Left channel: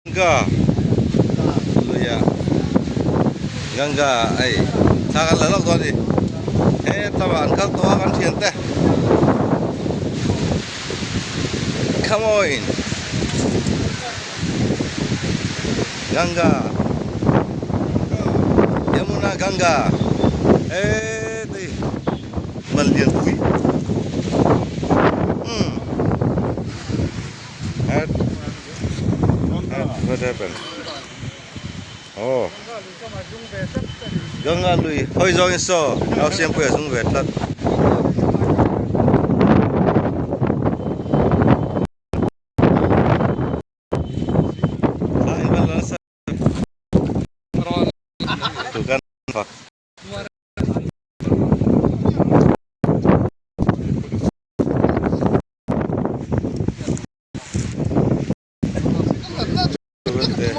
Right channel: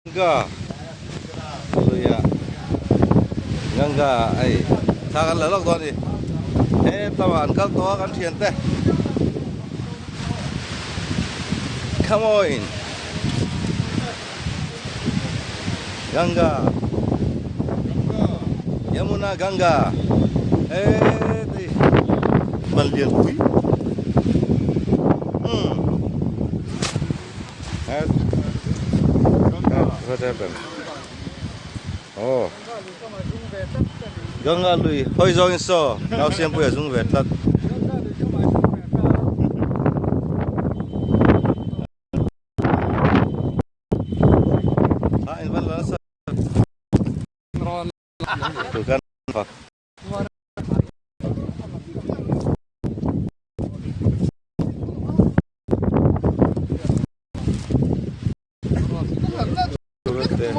Gangga, dulu ya. Gangga, sangat lelok tuh nih. Taman kau tua kan siente. Come on, Gangga, Yamuna Gangga. Nih, malian kui. What happened? Oh, Gangga lui, hoi zong so, now siempre es un vetlat. Tuh kan, Pak. Turun deh.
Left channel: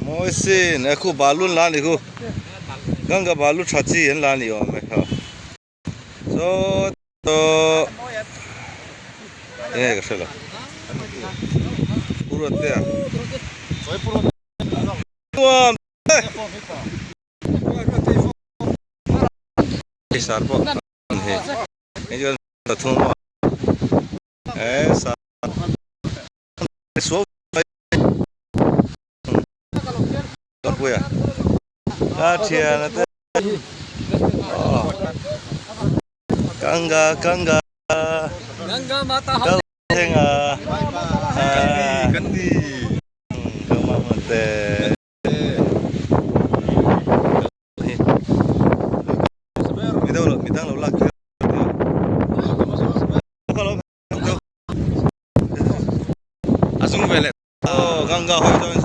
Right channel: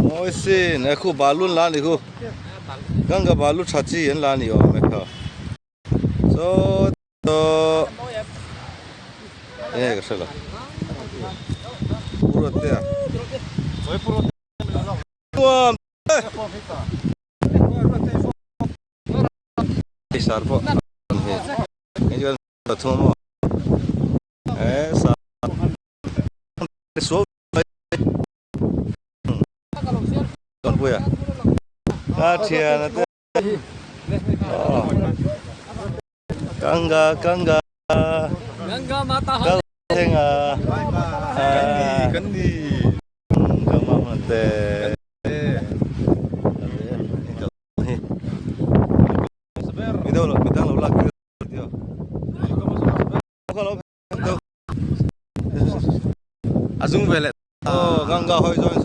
Moisin, aku balun lah ni aku. Gangga balu caci yang lah ni om, So, ini kesel lah. Purut ya. Tuam. Besar po. Ini juga satu. So. Don gue ya. Kasihan itu. Oh. Gangga. Gangga matahari. Tengah. Kendi. Gama mate. Kita lo lagi. Kalau asung belet. Oh, Gangga hoi